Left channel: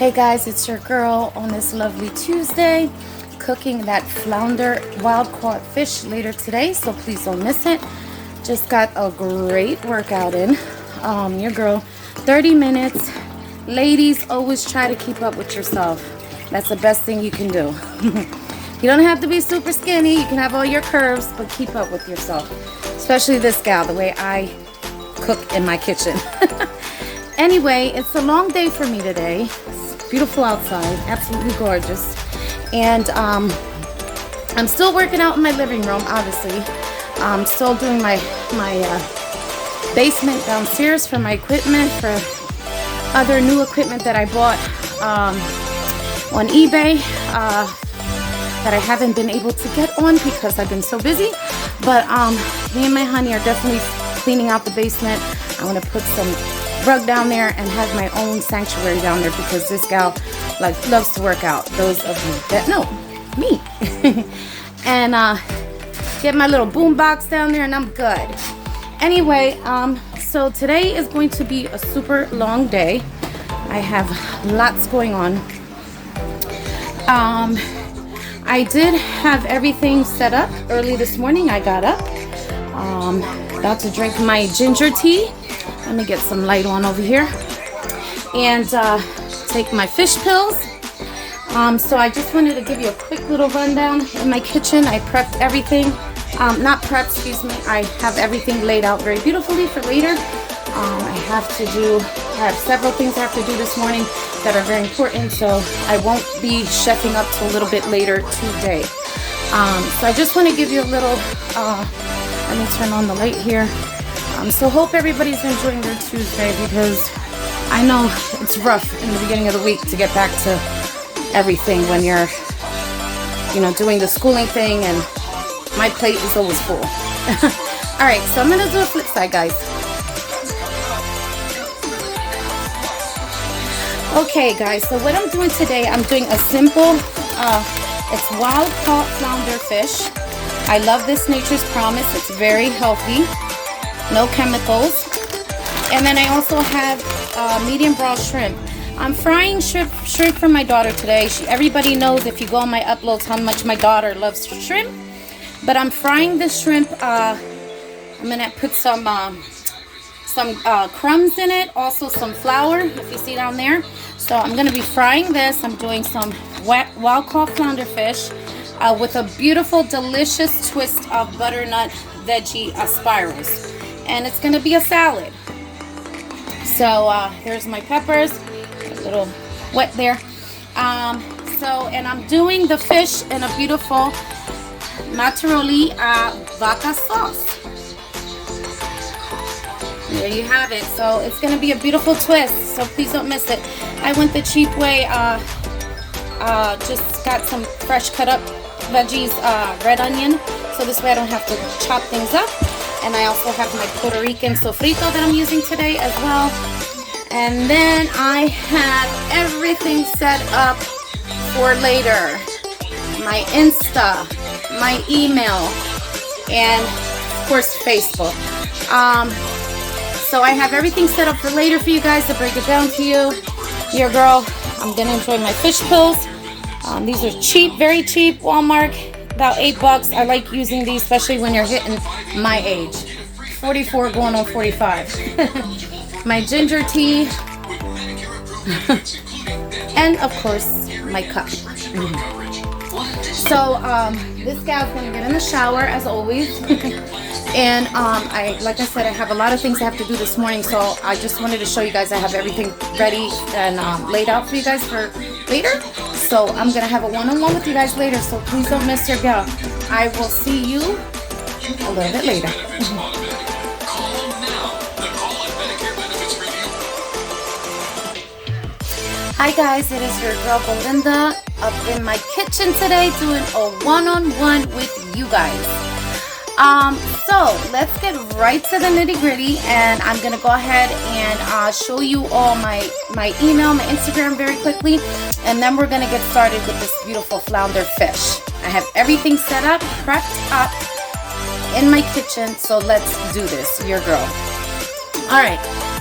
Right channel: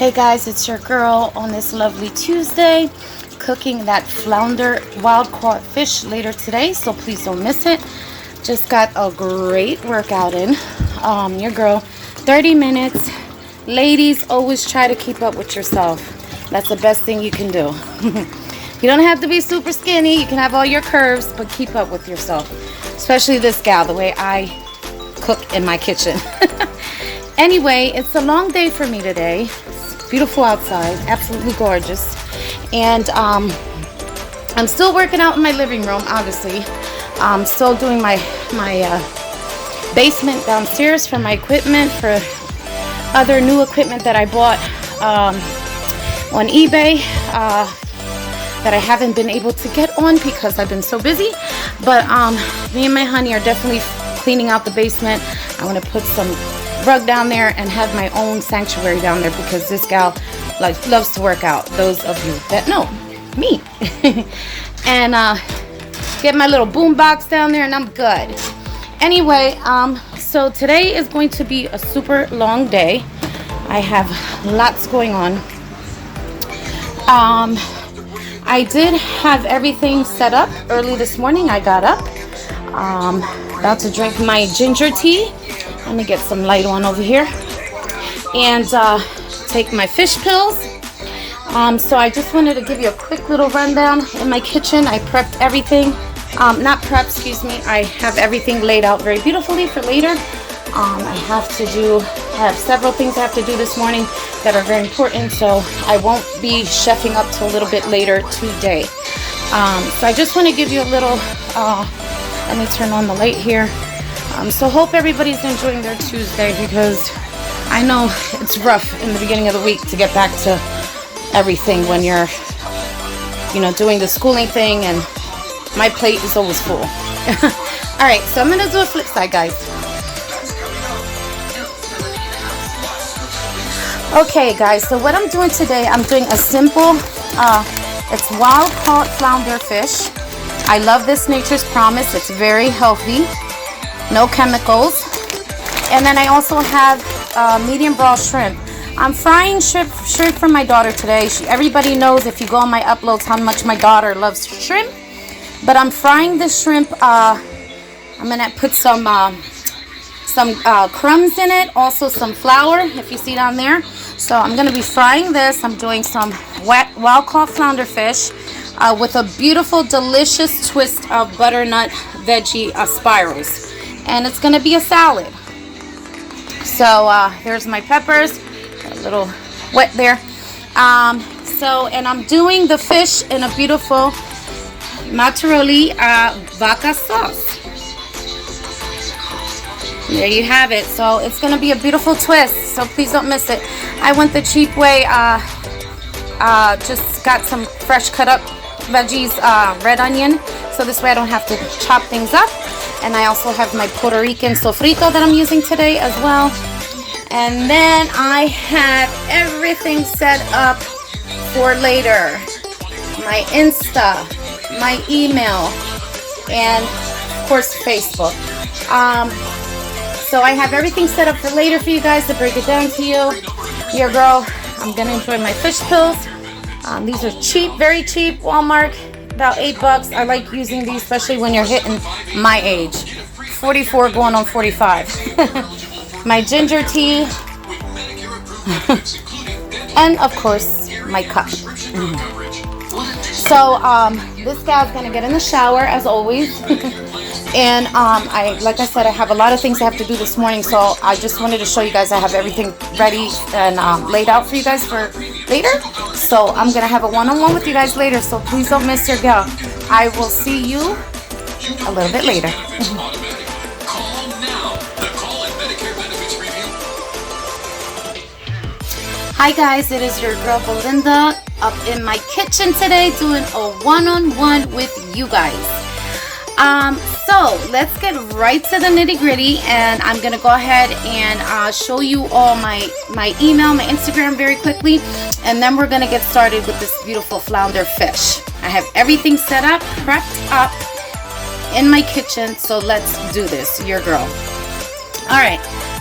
Hey guys, it's your girl on this lovely Tuesday, cooking that flounder wild caught fish later today, so please don't miss it. Just got a great workout in. Your girl, 30 minutes. Ladies, always try to keep up with yourself. That's the best thing you can do. You don't have to be super skinny. You can have all your curves, but keep up with yourself. Especially this gal, the way I cook in my kitchen. Anyway, it's a long day for me today. It's beautiful outside, absolutely gorgeous. And I'm still working out in my living room, obviously. I'm still doing my basement downstairs for my equipment, for other new equipment that I bought on eBay that I haven't been able to get on because I've been so busy. But me and my honey are definitely cleaning out the basement. I want to put some rug down there and have my own sanctuary down there because this gal loves to work out. Those of you that know me. And get my little boom box down there and I'm good. Anyway, so today is going to be a super long day. I have lots going on. I did have everything set up early this morning. I got up, about to drink my ginger tea. Let me get some light on over here and take my fish pills. So I just wanted to give you a quick little rundown in my kitchen. I prepped everything. Not prepped, excuse me. I have everything laid out very beautifully for later. I have several things I have to do this morning that are very important, so I won't be chefing up till a little bit later today. So I just want to give you a little, let me turn on the light here. So hope everybody's enjoying their Tuesday because I know it's rough in the beginning of the week to get back to everything when you're, doing the schooling thing, and my plate is always full. All right, so I'm going to do a flip side, guys. Okay, guys, so what I'm doing today, I'm doing a simple, it's wild caught flounder fish. I love this Nature's Promise. It's very healthy. No chemicals. And then I also have medium brown shrimp. I'm frying shrimp for my daughter today. Everybody knows, if you go on my uploads, how much my daughter loves shrimp. But I'm frying the shrimp. I'm gonna put some crumbs in it, also some flour, if you see down there. So I'm gonna be frying this. I'm doing some wild caught flounder fish with a beautiful, delicious twist of butternut veggie spirals. And it's gonna be a salad. So there's my peppers, a little wet there. And I'm doing the fish in a beautiful Bartoli vodka sauce. There you have it. So it's gonna be a beautiful twist, so please don't miss it. I went the cheap way, just got some fresh cut up veggies, red onion, so this way I don't have to chop things up. And I also have my Puerto Rican sofrito that I'm using today as well. And then I have everything set up for later. My Insta, my email, and of course Facebook. So I have everything set up for later for you guys to break it down to you. Your girl, I'm gonna enjoy my fish pills. These are cheap, very cheap, Walmart. About $8. I like using these, especially when you're hitting my age, 44 going on 45. My ginger tea, and of course my cup. So this gal's gonna get in the shower as always. And like I said, I have a lot of things I have to do this morning, so I just wanted to show you guys I have everything ready and laid out for you guys for later. So I'm gonna have a one-on-one with you guys later, so please don't miss your girl. I will see you a little bit later. Hi guys, it is your girl Belinda up in my kitchen today doing a one-on-one with you guys. So let's get right to the nitty-gritty, and I'm gonna go ahead and show you all my email, my Instagram very quickly, and then we're gonna get started with this beautiful flounder fish. I have everything set up, prepped up in my kitchen, so let's do this, your girl. All right,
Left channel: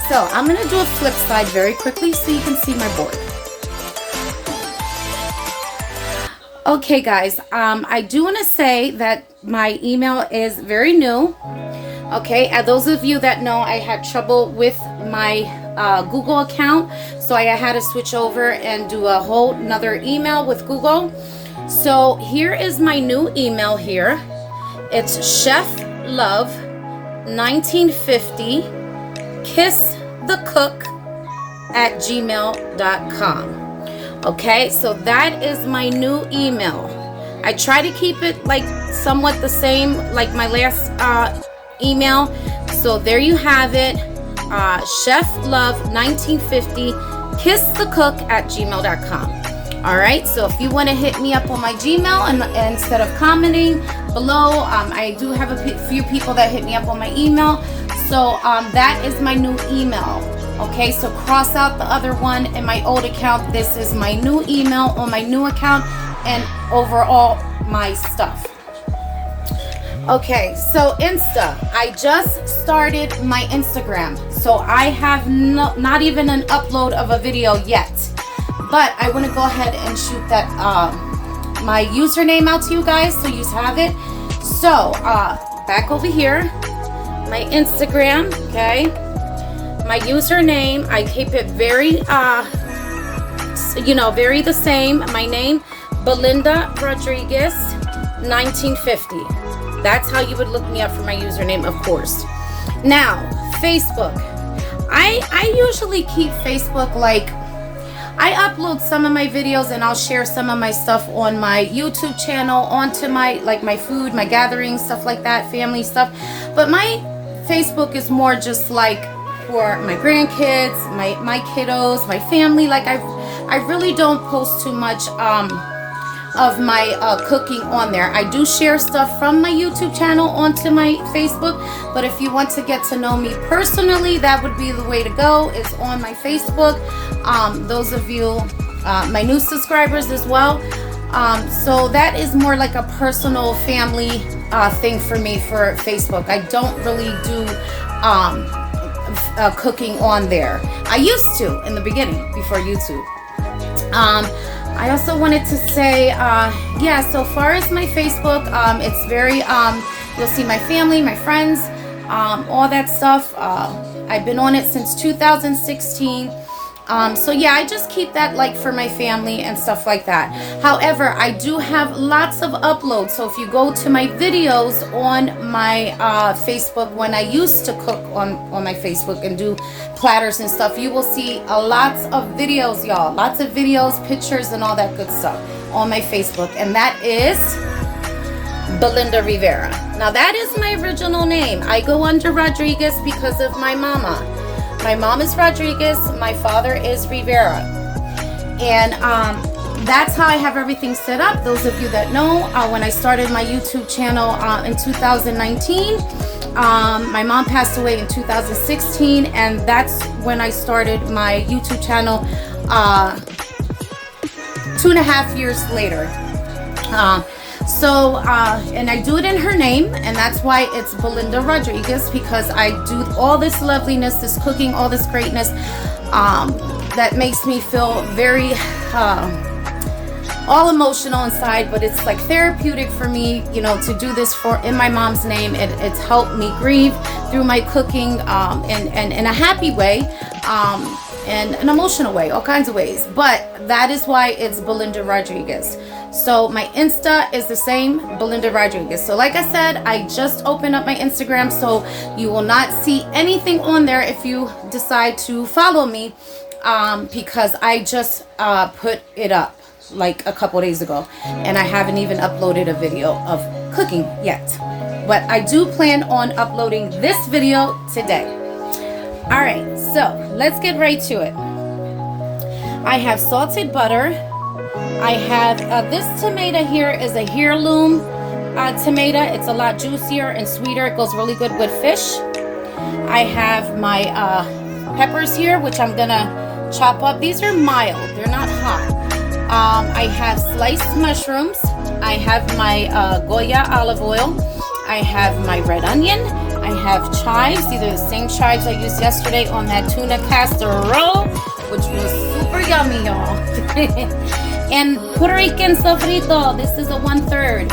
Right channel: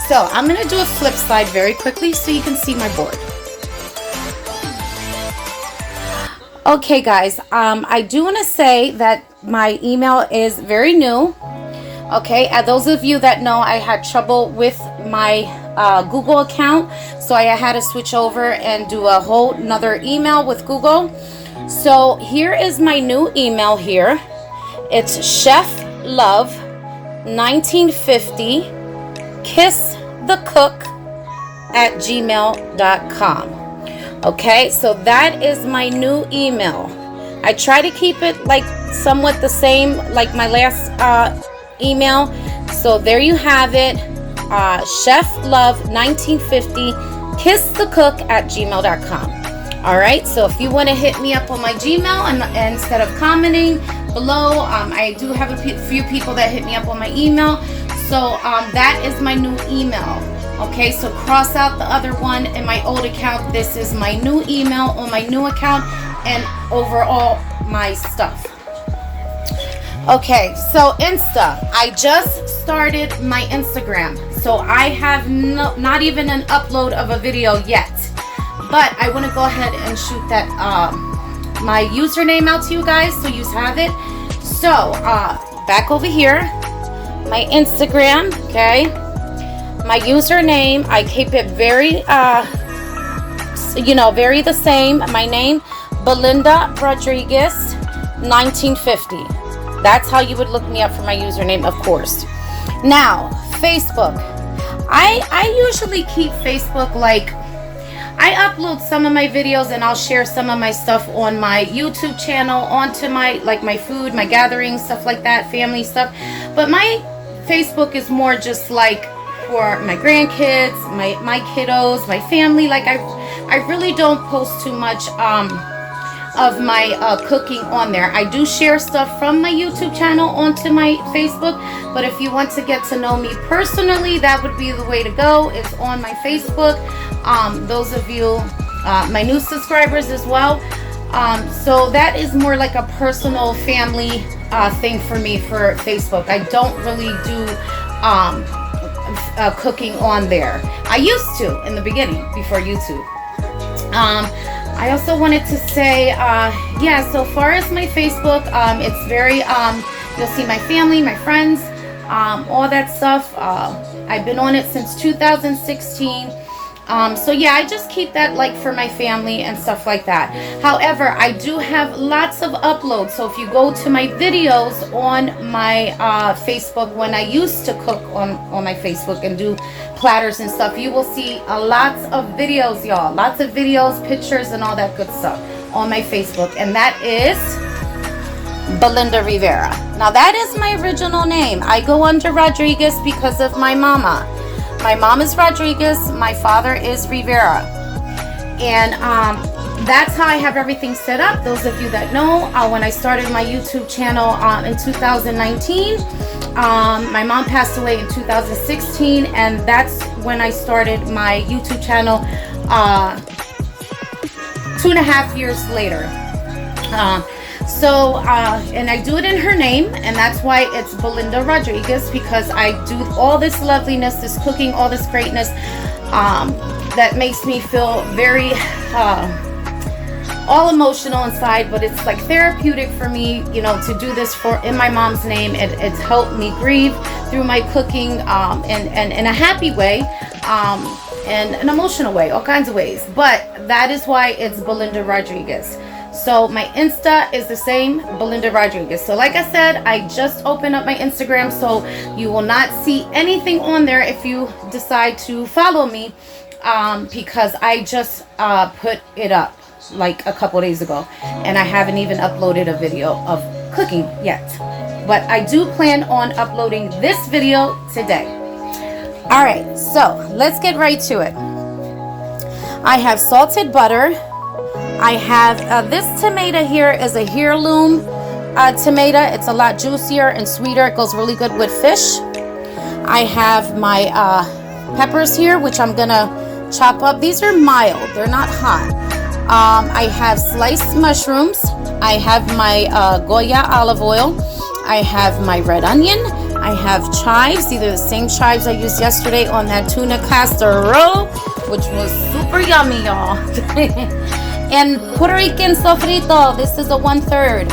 so I'm gonna do a flip side very quickly so you can see my board. Okay, guys, I do want to say that my email is very new. Okay, and those of you that know, I had trouble with my Google account, so I had to switch over and do a whole nother email with Google. So here is my new email here. It's cheflove1950 kissthecook@gmail.com. Okay, so that is my new email. I try to keep it like somewhat the same like my last email. So there you have it, cheflove1950 kissthecook@gmail.com. All right, so if you want to hit me up on my Gmail and instead of commenting below, I do have a few people that hit me up on my email. So that is my new email. Okay, so cross out the other one in my old account. This is my new email on my new account and overall my stuff. Okay, so Insta. I just started my Instagram. So I have not even an upload of a video yet. But I want to go ahead and shoot that my username out to you guys so you have it. So back over here, my Instagram, okay? My username, I keep it very, very the same. My name, Belinda Rodriguez, 1950. That's how you would look me up for my username, of course. Now, Facebook. I usually keep Facebook like, I upload some of my videos and I'll share some of my stuff on my YouTube channel, onto my, like my food, my gatherings, stuff like that, family stuff. But my Facebook is more just like, for my grandkids, my kiddos, my family. Like I really don't post too much of my cooking on there. I do share stuff from my YouTube channel onto my Facebook, but if you want to get to know me personally, that would be the way to go, is on my Facebook. Those of you, my new subscribers as well. So that is more like a personal family thing for me for Facebook. I don't really do cooking on there. I used to in the beginning before YouTube. I also wanted to say, yeah, so far as my Facebook, it's very, you'll see my family, my friends, all that stuff. I've been on it since 2016. So yeah, I just keep that like for my family and stuff like that. However, I do have lots of uploads. So if you go to my videos on my Facebook, when I used to cook on my Facebook and do platters and stuff, you will see lots of videos, y'all. Lots of videos, pictures, and all that good stuff on my Facebook. And that is Belinda Rivera. Now that is my original name. I go under Rodriguez because of my mama. My mom is Rodriguez, my father is Rivera. And that's how I have everything set up. Those of you that know, when I started my YouTube channel in 2019, my mom passed away in 2016, and that's when I started my YouTube channel 2.5 years later. And I do it in her name, and that's why it's Belinda Rodriguez, because I do all this loveliness, this cooking, all this greatness that makes me feel very all emotional inside, but it's like therapeutic for me, you know, to do this in my mom's name. It's helped me grieve through my cooking and in a happy way, and an emotional way, all kinds of ways. But that is why it's Belinda Rodriguez. So my Insta is the same, Belinda Rodriguez. So like I said, I just opened up my Instagram, so you will not see anything on there if you decide to follow me, because I just put it up like a couple days ago, and I haven't even uploaded a video of cooking yet. But I do plan on uploading this video today. All right, so let's get right to it. I have salted butter. I have this tomato here is a heirloom tomato. It's a lot juicier and sweeter. It goes really good with fish. I have my peppers here, which I'm gonna chop up. These are mild, they're not hot. I have sliced mushrooms. I have my Goya olive oil. I have my red onion. I have chives, either the same chives I used yesterday on that tuna casserole, which was super yummy, y'all. And Puerto Rican sofrito, this is a 1/3.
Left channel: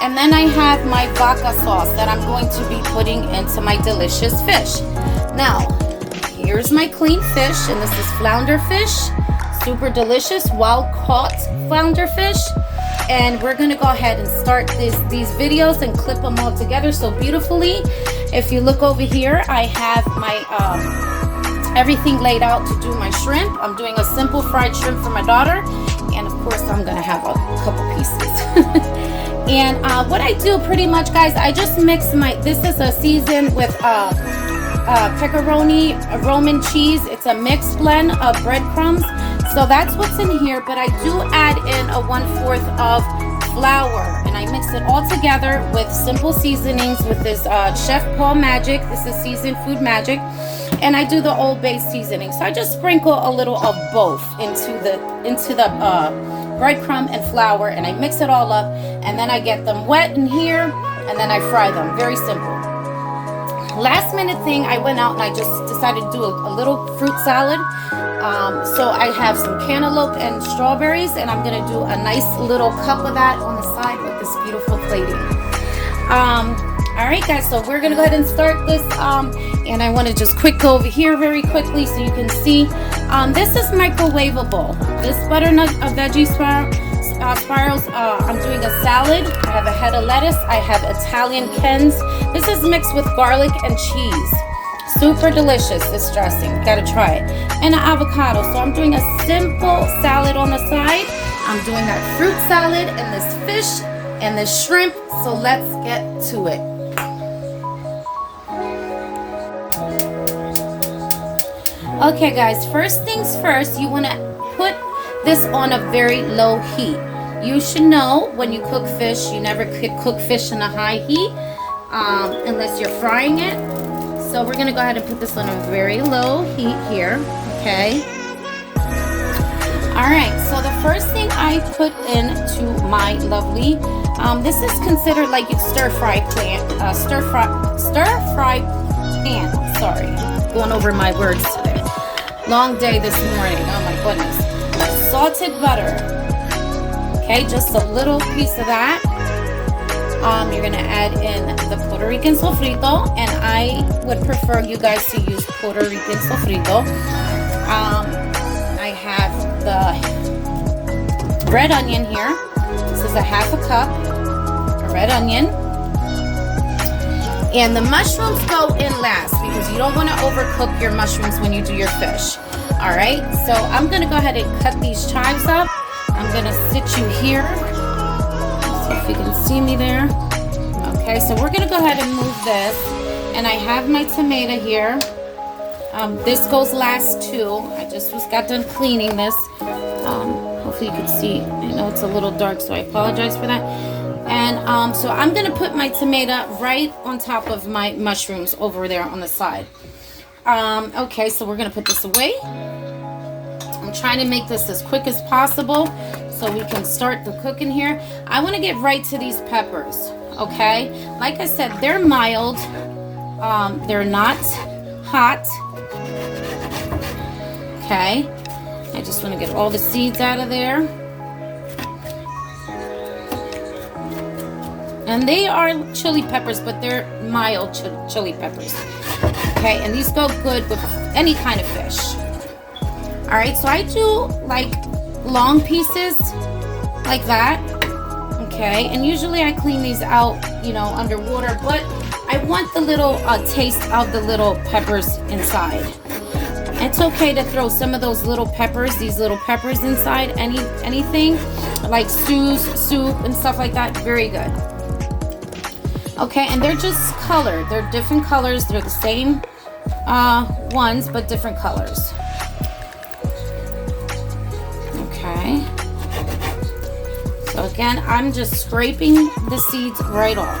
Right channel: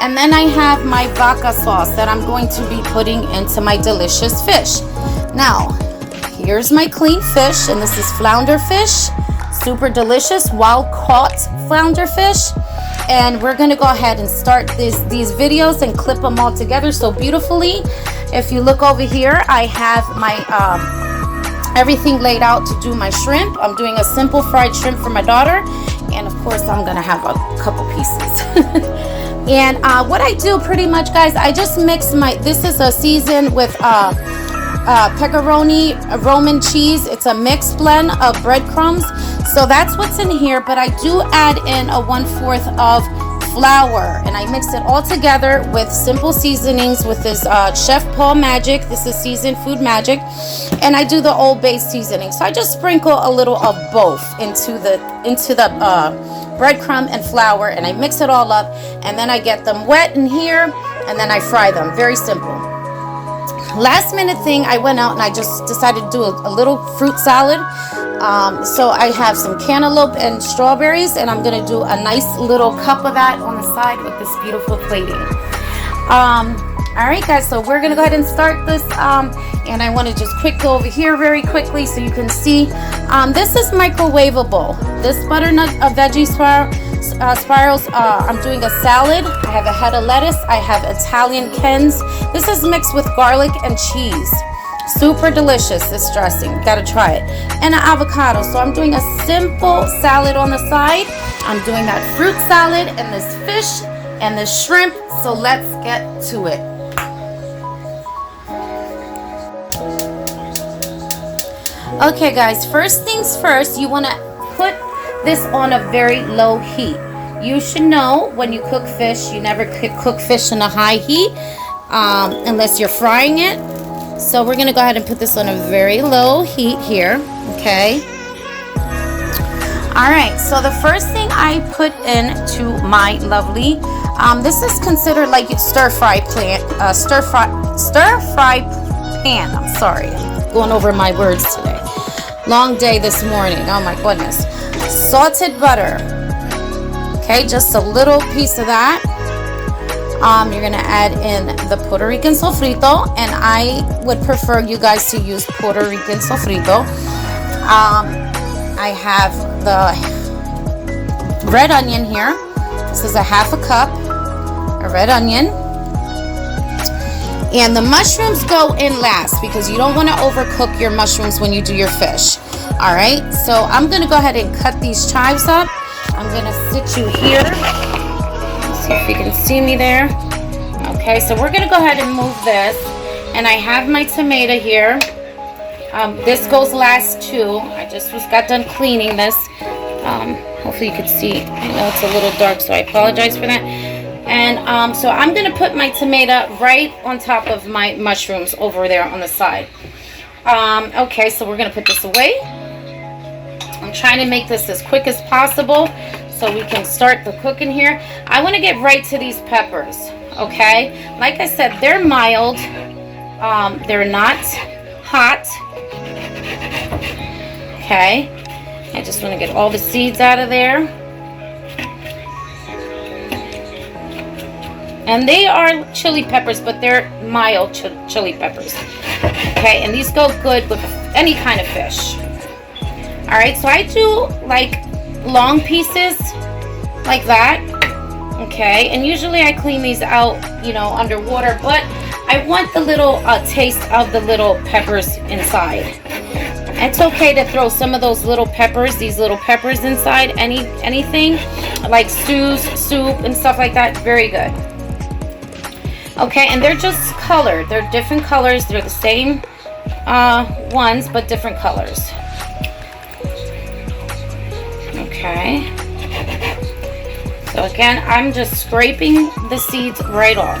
And then I have my vodka sauce that I'm going to be putting into my delicious fish. Now, here's my clean fish, and this is flounder fish. Super delicious, wild caught flounder fish. And we're gonna go ahead and start these videos and clip them all together so beautifully. If you look over here, I have my everything laid out to do my shrimp. I'm doing a simple fried shrimp for my daughter, and of course I'm gonna have a couple pieces. And what I do pretty much, guys, I just mix this is a season with pepperoni, Roman cheese. It's a mixed blend of breadcrumbs. So that's what's in here, but I do add in a 1/4 of flour, and I mix it all together with simple seasonings with this Chef Paul Magic. This is seasoned food magic, and I do the Old Bay seasoning. So I just sprinkle a little of both into the breadcrumb and flour, and I mix it all up, and then I get them wet in here, and then I fry them. Very simple. Last minute thing, I went out and I just decided to do a little fruit salad. So I have some cantaloupe and strawberries, and I'm gonna do a nice little cup of that on the side with this beautiful plating. All right, guys, so we're gonna go ahead and start this, and I want to just go over here very quickly so you can see. This is microwavable. This butternut veggie spirals, I'm doing a salad. I have a head of lettuce. I have Italian Kens. This is mixed with garlic and cheese. Super delicious, this dressing. Gotta try it. And an avocado. So I'm doing a simple salad on the side. I'm doing that fruit salad and this fish and this shrimp. So let's get to it. Okay, guys, first things first, you want to put this on a very low heat. You should know when you cook fish, you never cook fish in a high heat unless you're frying it. So we're going to go ahead and put this on a very low heat here, okay? All right, so the first thing I put into my lovely, this is considered like stir fry pan. I'm sorry, going over my words today. Long day this morning, oh my goodness. Salted butter, okay, just a little piece of that. You're gonna add in the Puerto Rican sofrito, and I would prefer you guys to use Puerto Rican sofrito. I have the red onion here. This is a 1/2 cup of red onion. And the mushrooms go in last because you don't want to overcook your mushrooms when you do your fish. All right, so I'm gonna go ahead and cut these chives up. I'm gonna sit you here. See if you can see me there. Okay, so we're gonna go ahead and move this, and I have my tomato here. This goes last too. I just got done cleaning this. Hopefully you can see. I know it's a little dark, so I apologize for that. And so I'm gonna put my tomato right on top of my mushrooms over there on the side. Okay, so we're gonna put this away. I'm trying to make this as quick as possible so we can start the cooking here. I want to get right to these peppers, okay? Like I said, they're mild. They're not hot. Okay. I just want to get all the seeds out of there. And they are chili peppers, but they're mild chili peppers. Okay, and these go good with any kind of fish. All right, so I do like long pieces like that. Okay, and usually I clean these out, you know, underwater, but I want the little taste of the little peppers inside. It's okay to throw some of those little peppers, these little peppers inside anything like stews, soup, and stuff like that. Very good. Okay, and they're just colored. They're different colors. They're the same ones, but different colors. Okay. So again, I'm just scraping the seeds right off.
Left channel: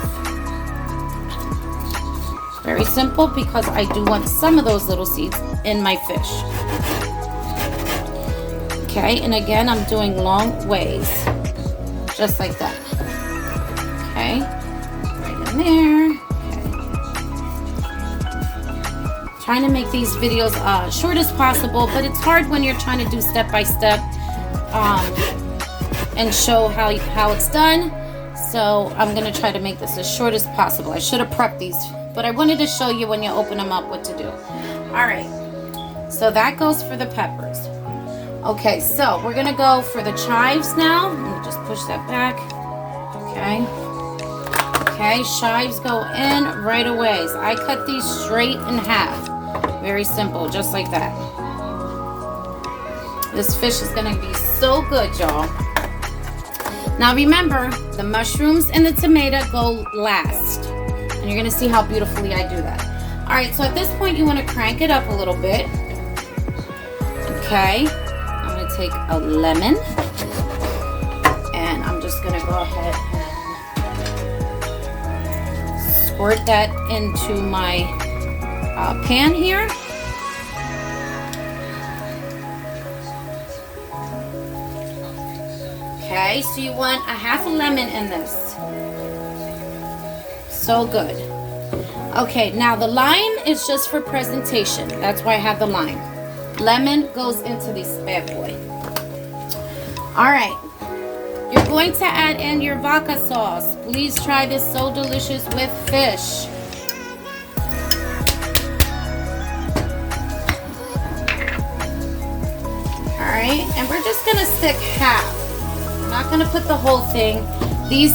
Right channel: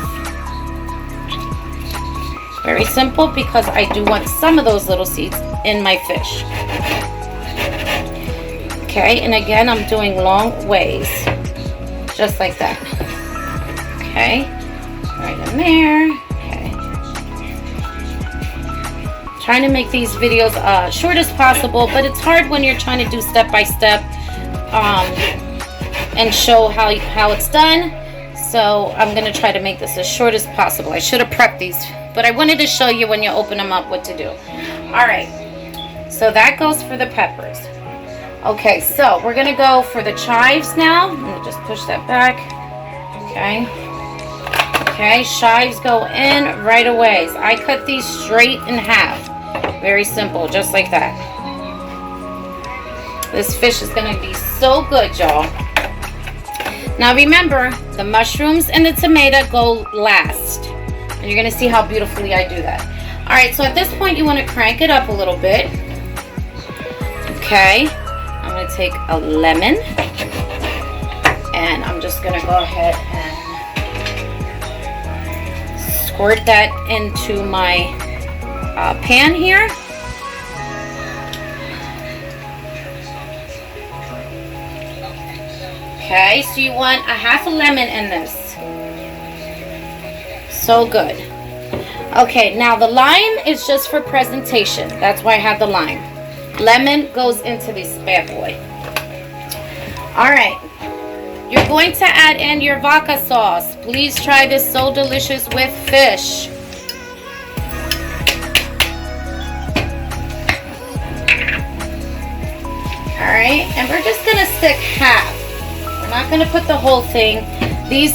Very simple because I do want some of those little seeds in my fish. Okay, and again, I'm doing long ways, just like that. Okay, right in there. Okay. Trying to make these videos short as possible, but it's hard when you're trying to do step by step. and show how it's done. So I'm gonna try to make this as short as possible. I should have prepped these, but I wanted to show you when you open them up what to do. All right, so that goes for the peppers. Okay, so we're gonna go for the chives now. Let me just push that back. Okay. Okay, chives go in right away. So I cut these straight in half. Very simple, just like that. This fish is gonna be so good, y'all. Now remember, the mushrooms and the tomato go last. And you're gonna see how beautifully I do that. All right, so at this point you wanna crank it up a little bit. Okay, I'm gonna take a lemon and I'm just gonna go ahead and squirt that into my pan here. Okay, so you want a half a lemon in this. So good. Okay, now the lime is just for presentation. That's why I have the lime. Lemon goes into this bad boy. All right, you're going to add in your vodka sauce. Please try this, so delicious with fish. All right, and we're just gonna stick half. We're not gonna put the whole thing. These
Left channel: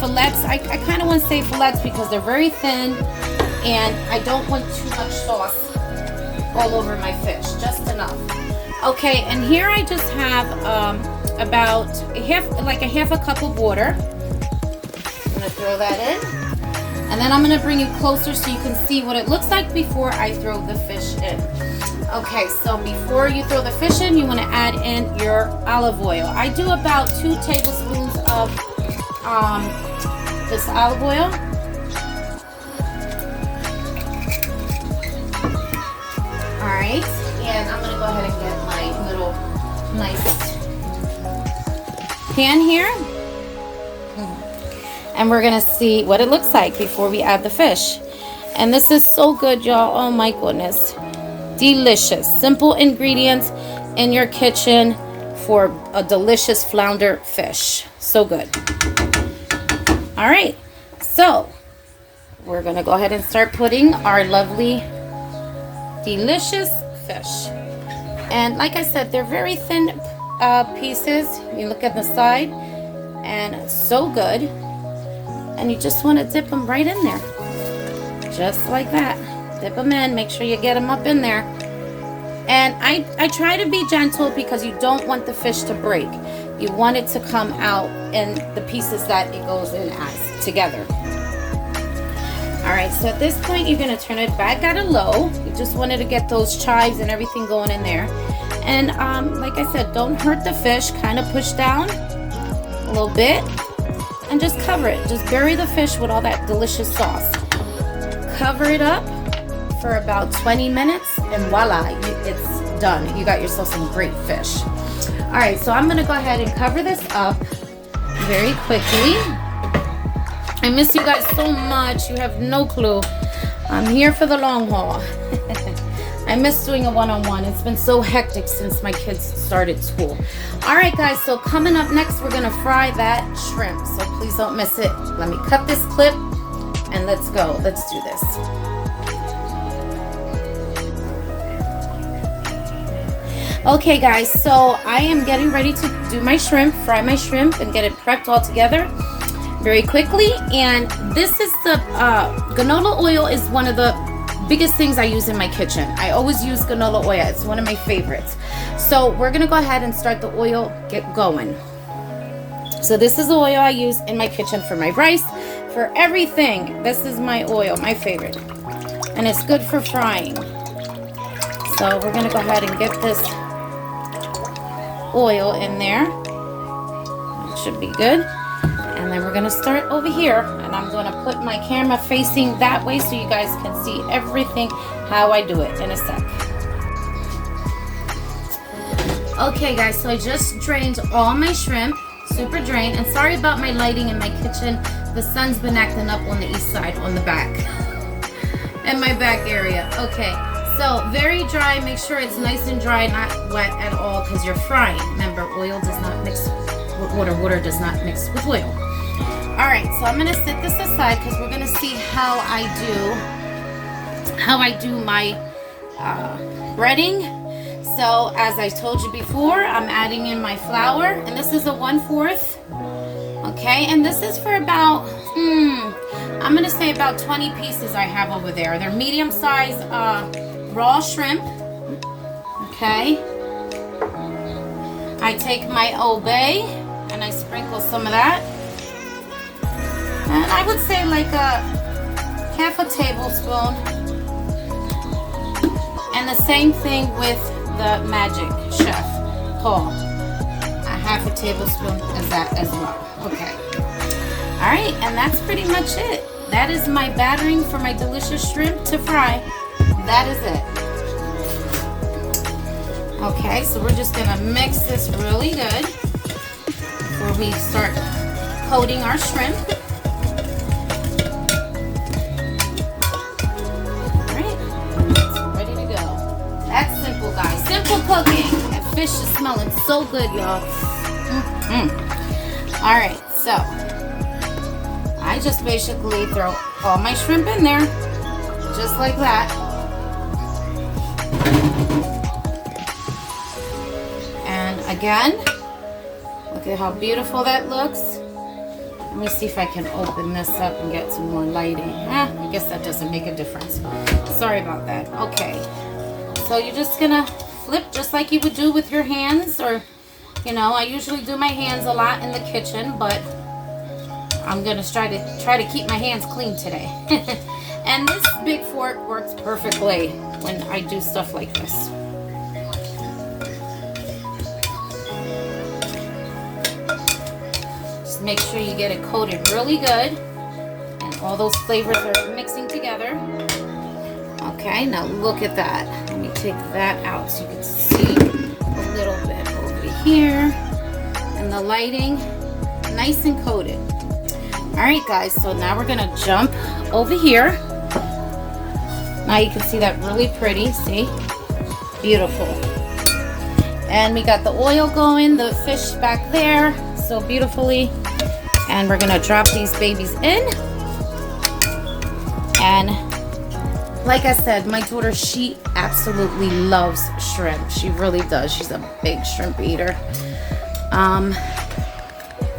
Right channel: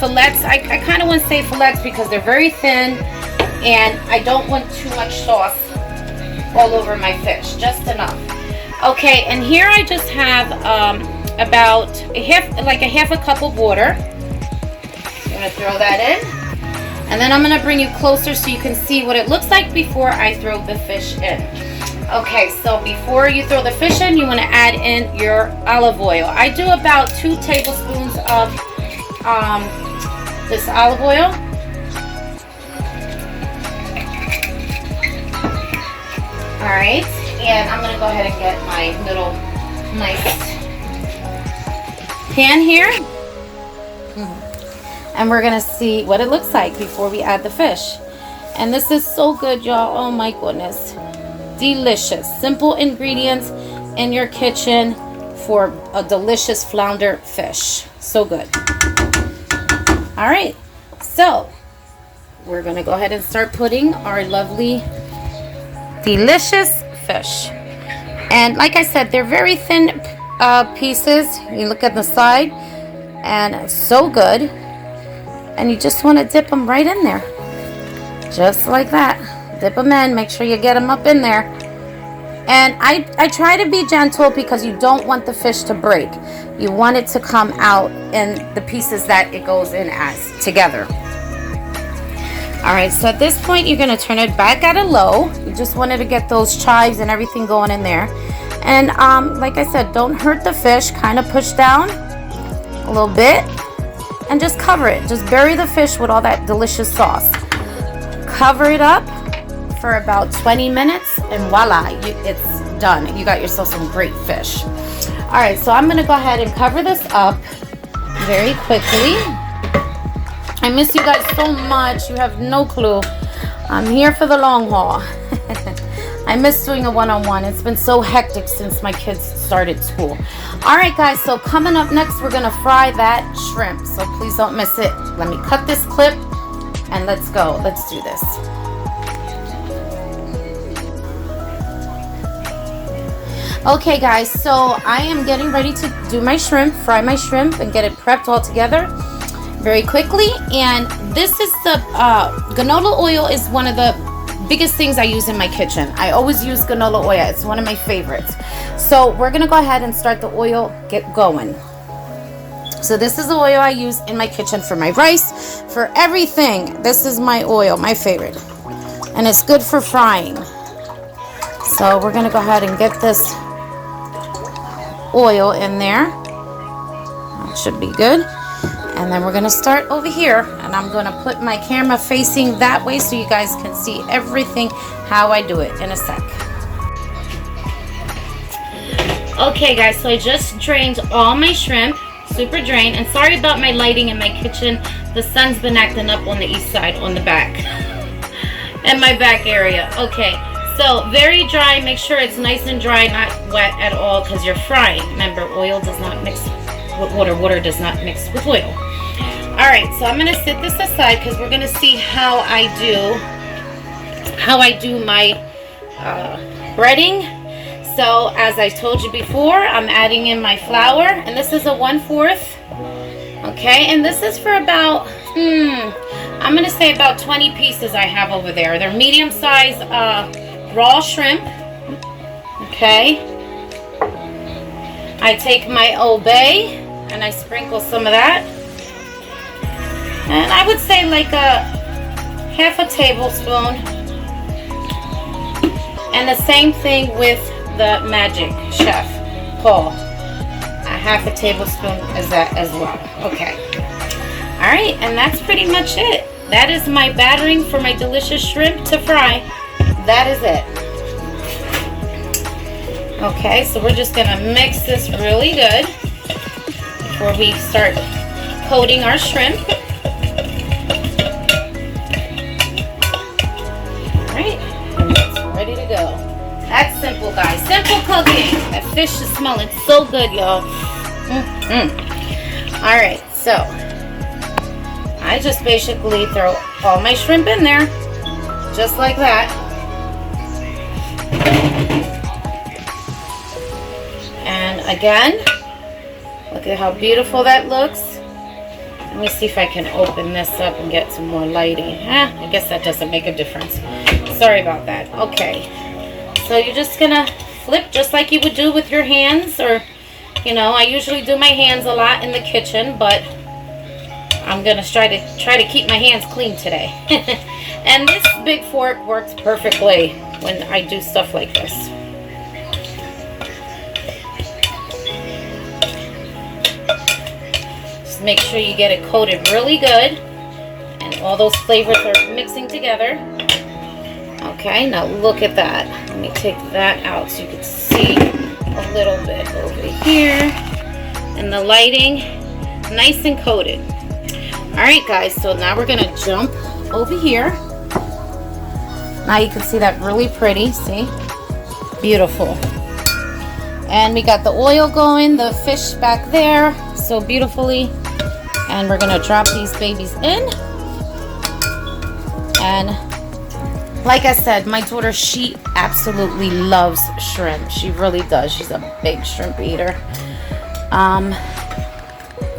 fillets, I kind of want to say fillets because they're very thin and I don't want too much sauce all over my fish, just enough. Okay, and here I just have about a half a cup of water. I'm gonna throw that in. And then I'm gonna bring you closer so you can see what it looks like before I throw the fish in. Okay, so before you throw the fish in, you want to add in your olive oil. I do about 2 tablespoons of this olive oil. All right, and I'm going to go ahead and get my little nice pan here. And we're going to see what it looks like before we add the fish. And this is so good, y'all. Oh my goodness. Delicious. Simple ingredients in your kitchen for a delicious flounder fish. So good. All right, so we're gonna go ahead and start putting our lovely delicious fish. And like I said, they're very thin pieces. You look at the side and it's so good. And you just want to dip them right in there, just like that. Dip them in, make sure you get them up in there. And I try to be gentle because you don't want the fish to break. You want it to come out in the pieces that it goes in as together. All right, so at this point, you're gonna turn it back at a low. You just wanted to get those chives and everything going in there. And like I said, don't hurt the fish, kind of push down a little bit and just cover it. Just bury the fish with all that delicious sauce. Cover it up for about 20 minutes and voila, it's done. You got yourself some great fish. All right, so I'm gonna go ahead and cover this up very quickly. I miss you guys so much. You have no clue. I'm here for the long haul. I miss doing a one-on-one. It's been so hectic since my kids started school. All right, guys, so coming up next, we're gonna fry that shrimp. So please don't miss it. Let me cut this clip and let's go. Let's do this. Okay, guys, so I am getting ready to do my shrimp, fry my shrimp and get it prepped all together very quickly. And this is the canola oil is one of the biggest things I use in my kitchen. I always use canola oil. It's one of my favorites. So we're gonna go ahead and start the oil get going. So this is the oil I use in my kitchen for my rice, for everything. This is my oil, my favorite. And it's good for frying. So we're gonna go ahead and get this oil in there. That should be good. And then we're gonna start over here, and I'm gonna put my camera facing that way so you guys can see everything how I do it in a sec. Okay guys, so I just drained all my shrimp, super drained, and sorry about my lighting in my kitchen. The sun's been acting up on the east side, on the back, in my back area. Okay, so very dry. Make sure it's nice and dry, not wet at all, because you're frying. Remember, oil does not mix with water. Water does not mix with oil. All right, so I'm gonna set this aside because we're gonna see how I do my breading. So as I told you before, I'm adding in my flour, and this is a 1/4. Okay, and this is for about I'm gonna say about 20 pieces I have over there. They're medium size raw shrimp. Okay, I take my Old Bay and I sprinkle some of that, and I would say like a half a tablespoon, and the same thing with the Magic Chef Paul, a half a tablespoon as that as well. Okay, all right, and that's pretty much it. That is my battering for my delicious shrimp to fry. That is it. Okay, so we're just gonna mix this really good before we start coating our shrimp. All right, and it's ready to go. That's simple, guys. Simple cooking. That fish is smelling so good, y'all. All right, so I just basically throw all my shrimp in there, just like that. And again, look at how beautiful that looks. Let me see if I can open this up and get some more lighting. I guess that doesn't make a difference. Sorry about that. Okay, so you're just gonna flip just like you would do with your hands, or I usually do my hands a lot in the kitchen, but I'm gonna try to keep my hands clean today. And this big fork works perfectly when I do stuff like this. Just make sure you get it coated really good and all those flavors are mixing together. Okay, now look at that. Let me take that out so you can see a little bit over here. And the lighting, nice and coated. All right, guys, so now we're gonna jump over here. Now you can see that really pretty, see? Beautiful. And we got the oil going, the fish back there, so beautifully. And we're gonna drop these babies in. And like I said, my daughter, she absolutely loves shrimp. She really does. She's a big shrimp eater.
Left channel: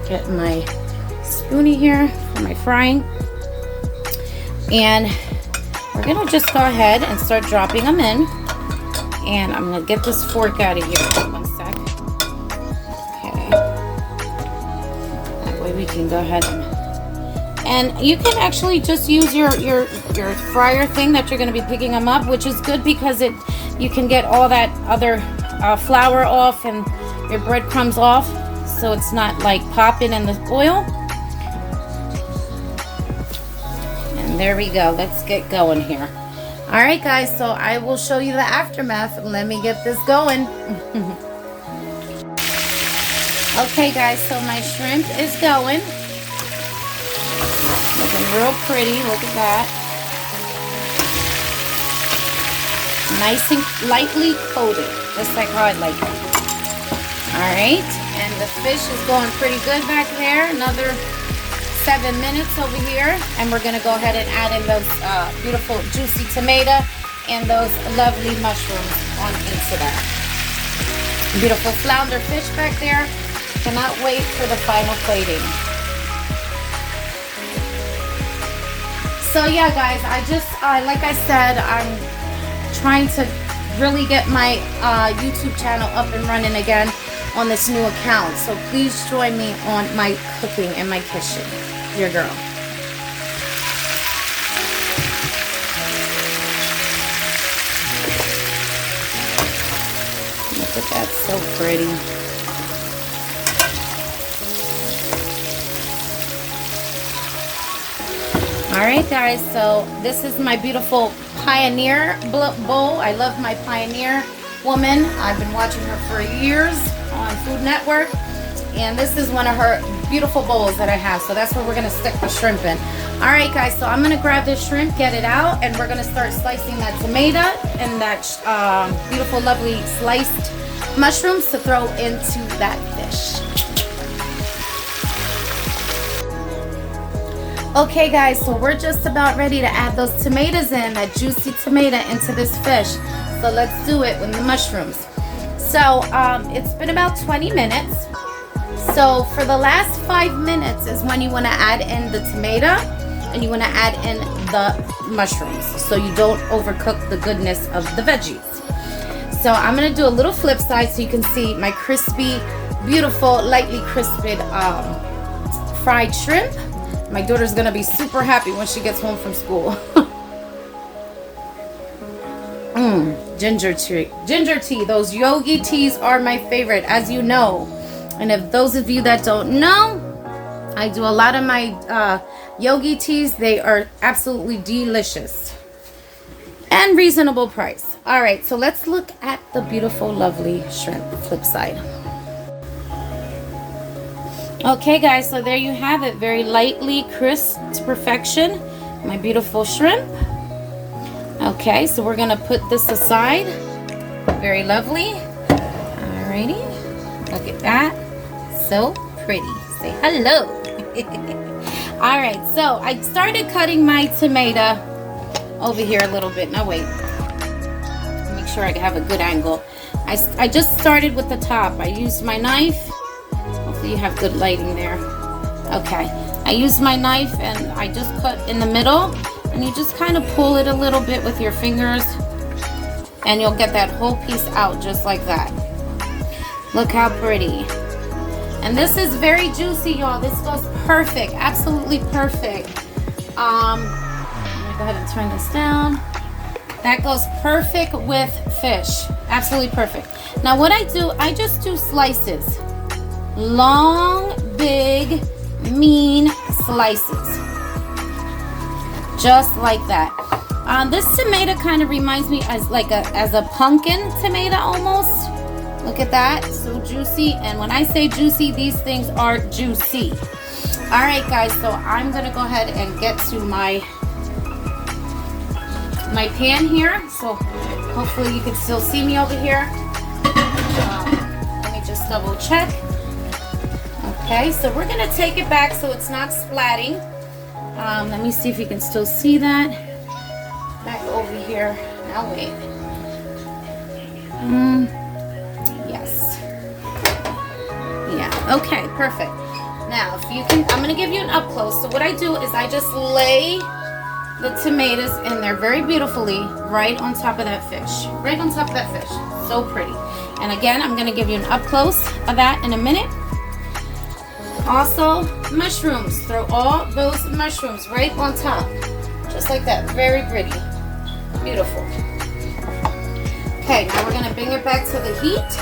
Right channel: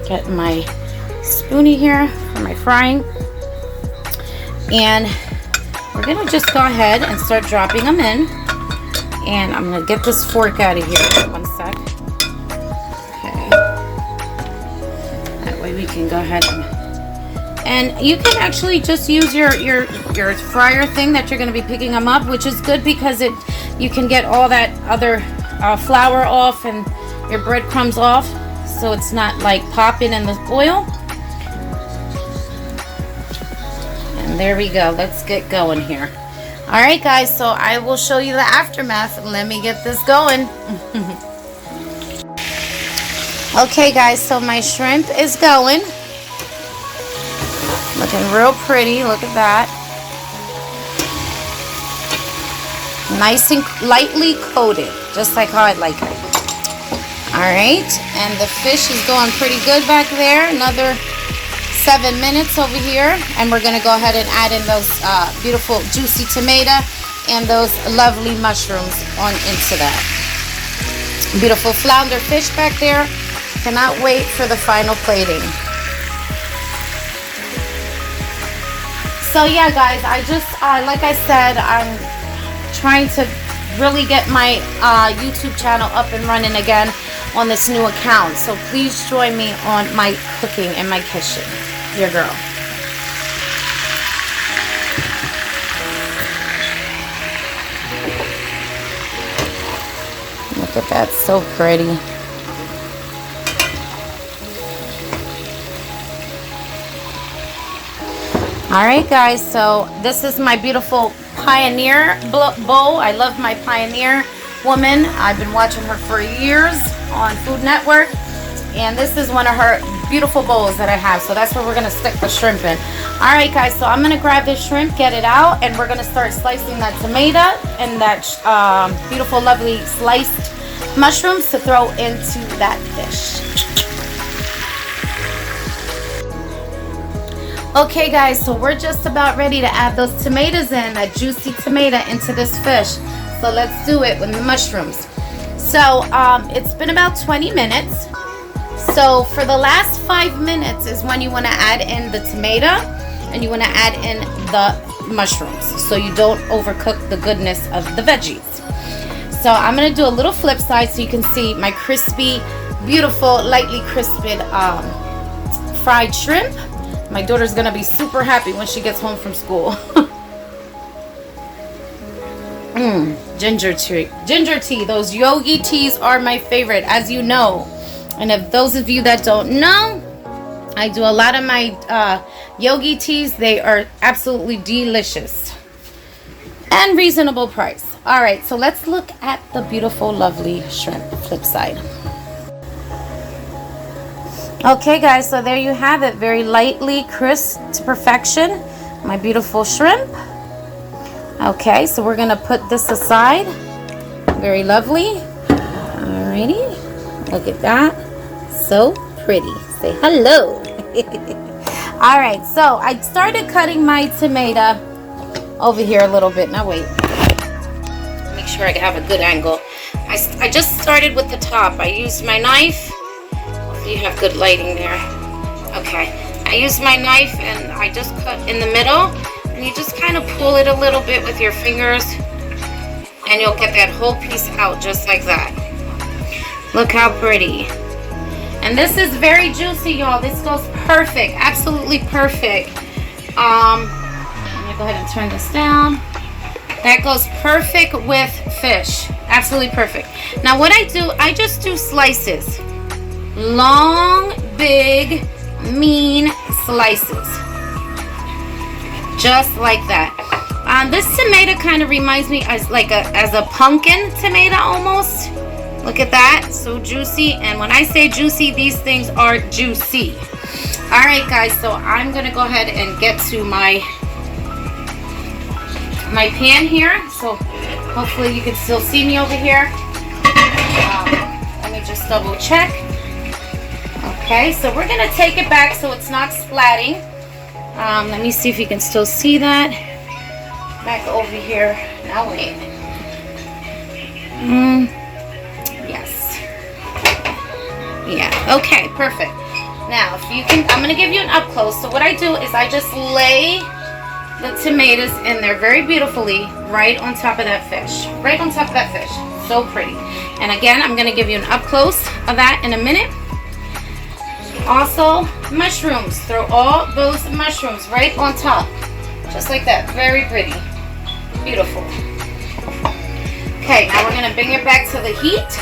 Get my spoonie here for my frying, and we're gonna just go ahead and start dropping them in. And I'm gonna get this fork out of here. One sec. Okay, that way we can go ahead and you can actually just use your fryer thing that you're gonna be picking them up, which is good because you can get all that other flour off and your breadcrumbs off, so it's not like popping in the oil. And there we go. Let's get going here. All right, guys, so I will show you the aftermath. Let me get this going. Okay, guys, so my shrimp is going. Looking real pretty. Look at that. Nice and lightly coated, just like how I like it. All right, and the fish is going pretty good back there. Another 7 minutes over here, and we're gonna go ahead and add in those beautiful juicy tomato and those lovely mushrooms on into that. Beautiful flounder fish back there. Cannot wait for the final plating. So yeah, guys, I just like I said, I'm trying to really get my YouTube channel up and running again on this new account. So please join me on my cooking in my kitchen. Your girl. Look at that, so pretty. All right, guys, so this is my beautiful Pioneer bowl. I love my Pioneer woman. I've been watching her for years on Food Network, and this is one of her beautiful bowls that I have, so that's where we're gonna stick the shrimp in. All right, guys, so I'm gonna grab this shrimp, get it out, and we're gonna start slicing that tomato and that beautiful, lovely sliced mushrooms to throw into that fish. Okay guys, so we're just about ready to add those tomatoes in, that juicy tomato into this fish. So let's do it with the mushrooms. So it's been about 20 minutes. So for the last 5 minutes is when you want to add in the tomato and you want to add in the mushrooms so you don't overcook the goodness of the veggies. So I'm going to do a little flip side so you can see my crispy, beautiful, lightly crisped fried shrimp. My daughter's going to be super happy when she gets home from school. Ginger tea. Those yogi teas are my favorite, as you know. And if those of you that don't know, I do a lot of my yogi teas. They are absolutely delicious and reasonable price. All right, so let's look at the beautiful, lovely shrimp flip side. Okay guys, so there you have it. Very lightly crisp to perfection. My beautiful shrimp. Okay, so we're gonna put this aside. Very lovely. Alrighty, look at that. So pretty. Say hello. All right, so I started cutting my tomato over here a little bit. Now wait, make sure I have a good angle. I just started with the top. I used my knife. Hopefully you have good lighting there. Okay, I used my knife and I just cut in the middle, and you just kind of pull it a little bit with your fingers and you'll get that whole piece out just like that. Look how pretty. And this is very juicy, y'all. This goes perfect, absolutely perfect. I'm gonna go ahead and turn this down. That goes perfect with fish, absolutely perfect. Now what I do, I just do slices. Long, big, mean slices. Just like that. This tomato kind of reminds me as a pumpkin tomato almost. Look at that, so juicy. And when I say juicy, these things are juicy. All right guys, so I'm gonna go ahead and get to my pan here. So hopefully you can still see me over here. Let me just double check. Okay, so we're gonna take it back so it's not splatting. Let me see if you can still see that. Back over here. Now wait. Yes. Yeah, okay, perfect. Now, if you can, I'm gonna give you an up close. So what I do is I just lay the tomatoes in there very beautifully right on top of that fish. Right on top of that fish. So pretty. And again, I'm gonna give you an up close of that in a minute. Also, mushrooms. Throw all those mushrooms right on top. Just like that. Very pretty. Beautiful. Okay, now we're going to bring it back to the heat.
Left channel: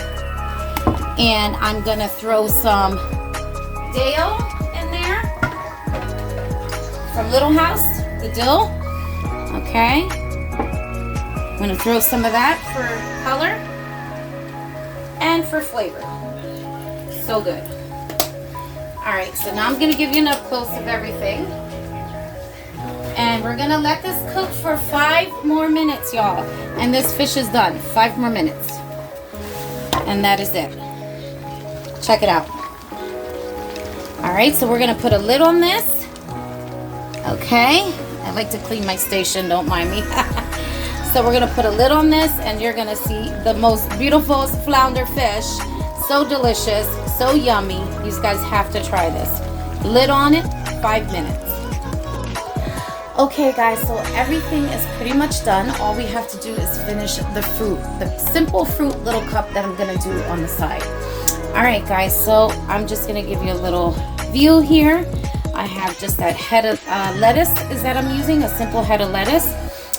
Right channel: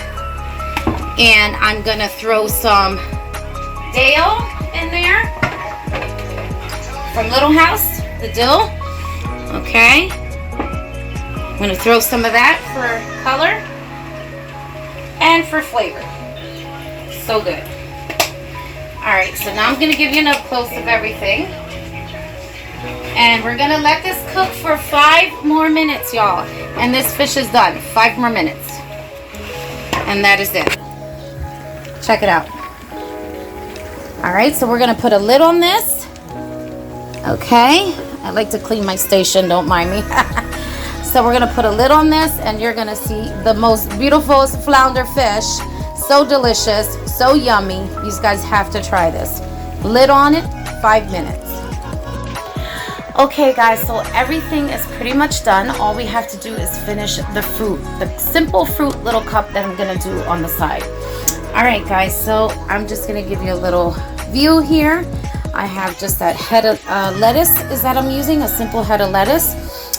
And I'm going to throw some dill in there. From Little House, the dill. Okay. I'm going to throw some of that for color. And for flavor. So good. Alright, so now I'm going to give you an up close of everything. And we're going to let this cook for 5 more minutes, y'all. And this fish is done. 5 more minutes. And that is it. Check it out. Alright, so we're going to put a lid on this. Okay. I like to clean my station, don't mind me. So we're going to put a lid on this and you're going to see the most beautiful flounder fish. So delicious, so yummy. You guys have to try this. Lid on it, 5 minutes. Okay guys, so everything is pretty much done. All we have to do is finish the fruit, the simple fruit little cup that I'm gonna do on the side. All right guys, so I'm just gonna give you a little view here. I have just that head of lettuce is that I'm using, a simple head of lettuce.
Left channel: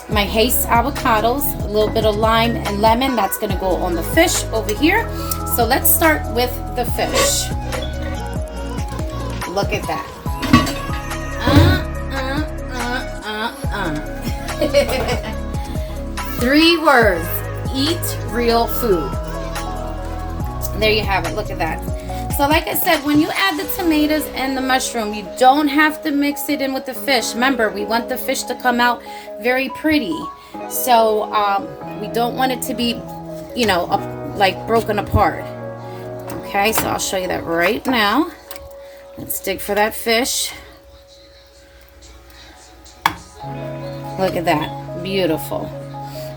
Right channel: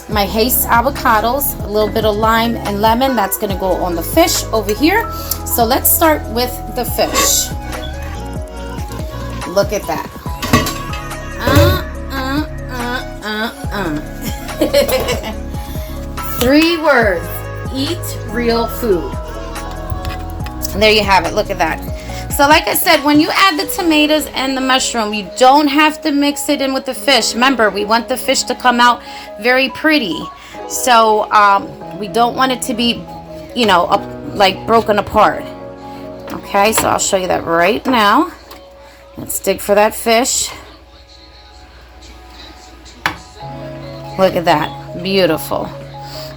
My Haste avocados, a little bit of lime and lemon, that's gonna go on the fish over here. So let's start with the fish. Look at that. 3 words, eat real food. And there you have it, look at that. So like I said, when you add the tomatoes and the mushroom, you don't have to mix it in with the fish. Remember, we want the fish to come out very pretty. So we don't want it to be, you know, like broken apart. Okay, so I'll show you that right now. Let's dig for that fish. Look at that, beautiful.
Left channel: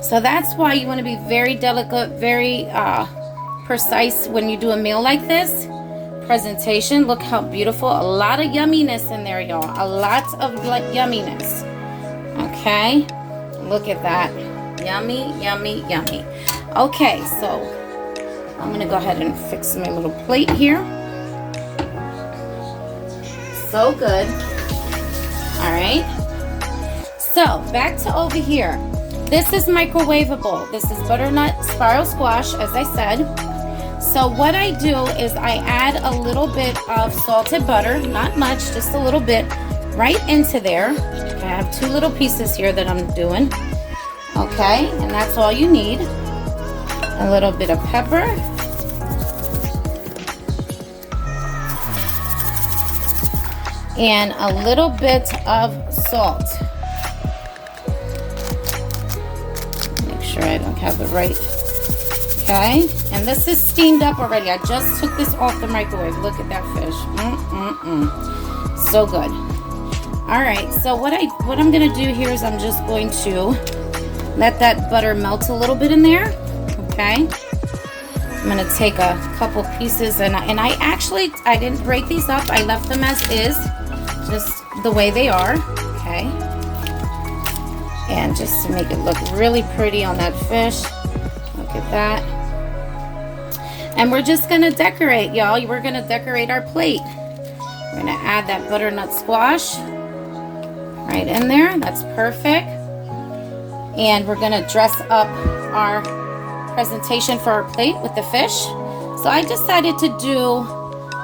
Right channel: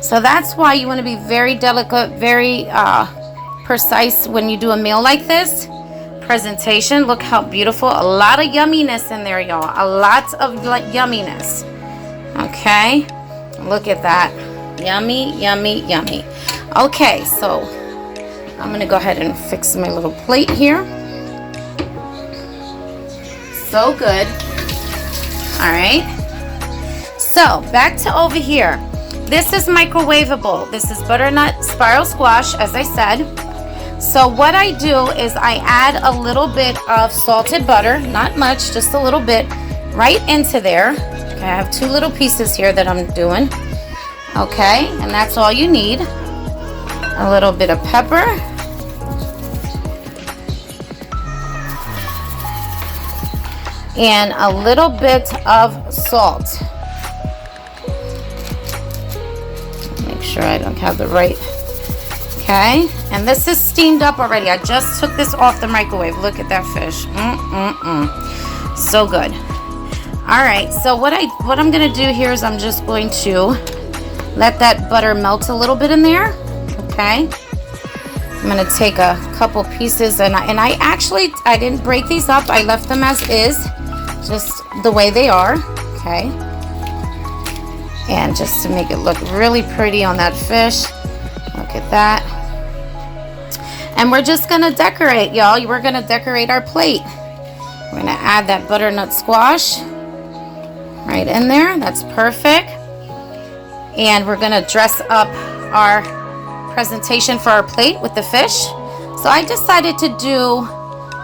So that's why you want to be very delicate, very precise when you do a meal like this. Presentation, look how beautiful. A lot of yumminess in there, y'all. A lot of yumminess. Okay, look at that. Yummy, yummy, yummy. Okay, so I'm gonna go ahead and fix my little plate here. So good. All right, so back to over here. This is microwavable. This is butternut spiral squash, as I said. So what I do is I add a little bit of salted butter, not much, just a little bit, right into there. Okay, I have 2 little pieces here that I'm doing. Okay, and that's all you need. A little bit of pepper. And a little bit of salt. Make sure I don't have the right. Okay, and this is steamed up already. I just took this off the microwave. Look at that fish. So good. All right, so what I'm gonna do here is I'm just going to let that butter melt a little bit in there. Okay, I'm gonna take a couple pieces and I didn't break these up. I left them as is, just the way they are. Okay, and just to make it look really pretty on that fish. Look at that. And we're just gonna decorate, y'all. We're gonna decorate our plate. We're gonna add that butternut squash right in there. That's perfect. And we're gonna dress up our presentation for our plate with the fish. So I decided to do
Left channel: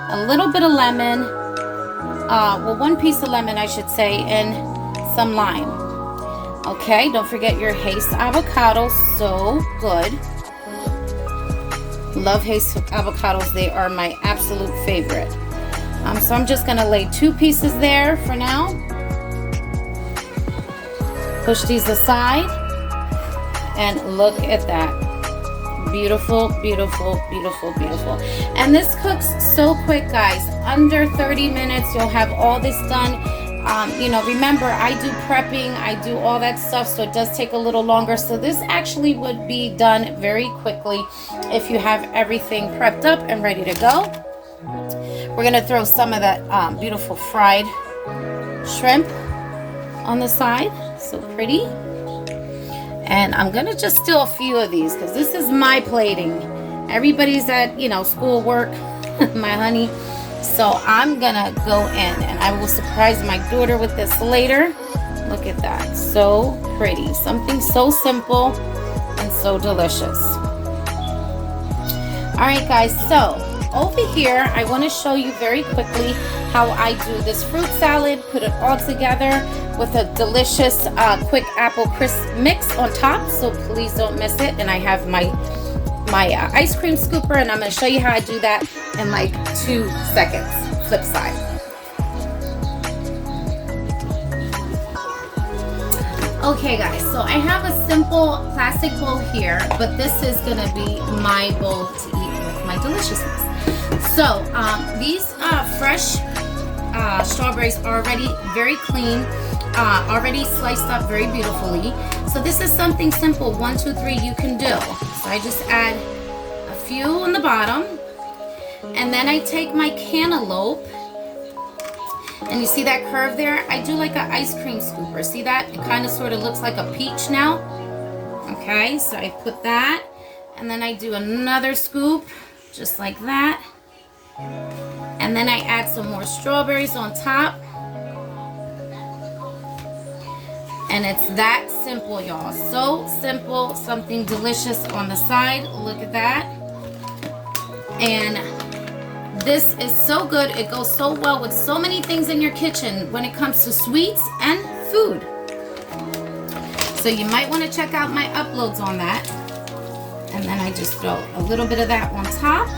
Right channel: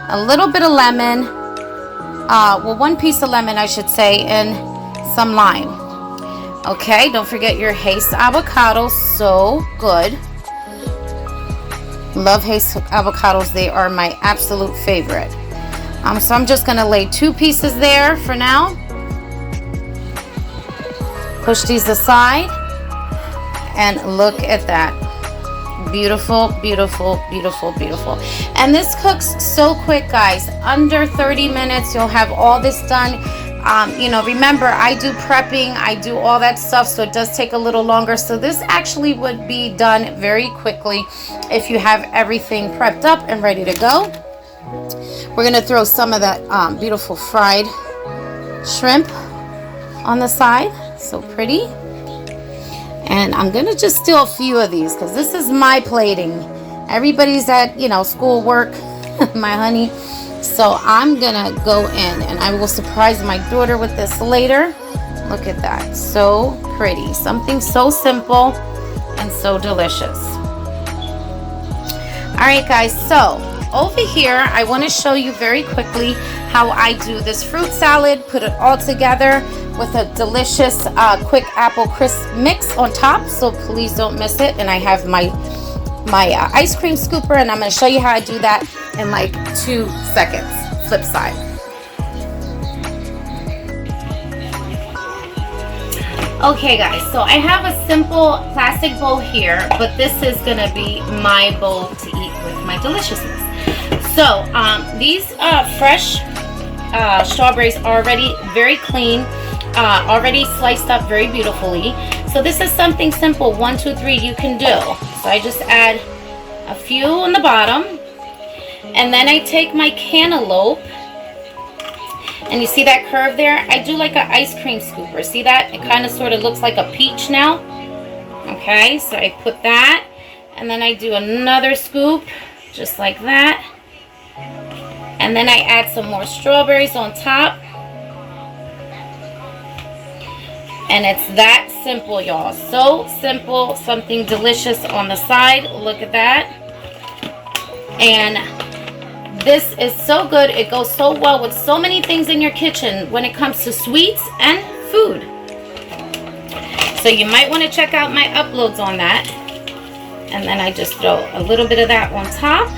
a little bit of lemon, well, 1 piece of lemon, I should say, and some lime. Okay, don't forget your Haze avocados, so good. Love Haze avocados, they are my absolute favorite. So I'm just gonna lay 2 pieces there for now. Push these aside, and look at that. Beautiful, beautiful, beautiful, beautiful. And this cooks so quick, guys. Under 30 minutes, you'll have all this done. You know, remember, I do prepping, I do all that stuff, so it does take a little longer. So this actually would be done very quickly if you have everything prepped up and ready to go. We're gonna throw some of that beautiful fried shrimp on the side. So pretty. And I'm gonna just steal a few of these because this is my plating. Everybody's at, you know, school, work, my honey. So I'm gonna go in and I will surprise my daughter with this later. Look at that, so pretty. Something so simple and so delicious. All right, guys, so over here, I wanna show you very quickly how I do this fruit salad, put it all together with a delicious quick apple crisp mix on top, so please don't miss it. And I have my ice cream scooper, and I'm going to show you how I do that in like 2 seconds. Flip side. Okay, guys, so I have a simple plastic bowl here, but this is going to be my bowl to eat with my deliciousness. So these fresh strawberries are already very clean, already sliced up very beautifully. So this is something simple, 1, 2, 3 you can do. So I just add a few on the bottom, and then I take my cantaloupe, and you see that curve there? I do like an ice cream scooper. See that? It kind of sort of looks like a peach now. Okay, so I put that, and then I do another scoop, just like that. And then I add some more strawberries on top. And it's that simple, y'all. So simple, something delicious on the side. Look at that. And this is so good. It goes so well with so many things in your kitchen when it comes to sweets and food. So you might want to check out my uploads on that. And then I just throw a little bit of that on top.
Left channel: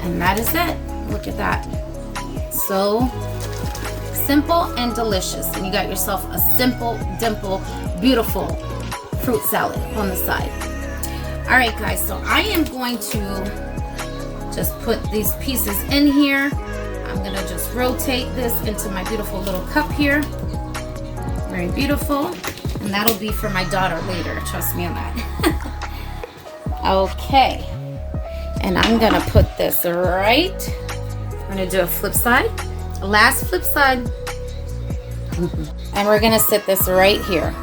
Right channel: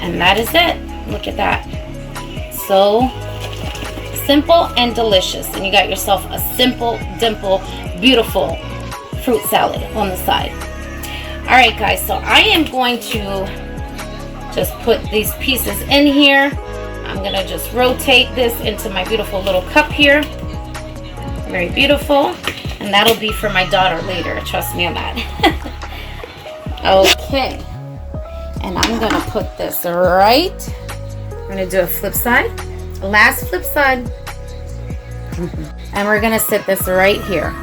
And that is it. Look at that. So simple and delicious. And you got yourself a simple, dimple, beautiful fruit salad on the side. All right, guys, so I am going to just put these pieces in here. I'm gonna just rotate this into my beautiful little cup here. Very beautiful. And that'll be for my daughter later. Trust me on that. Okay. And I'm going to put this right. I'm going to do a flip side. Last flip side. And we're going to sit this right here.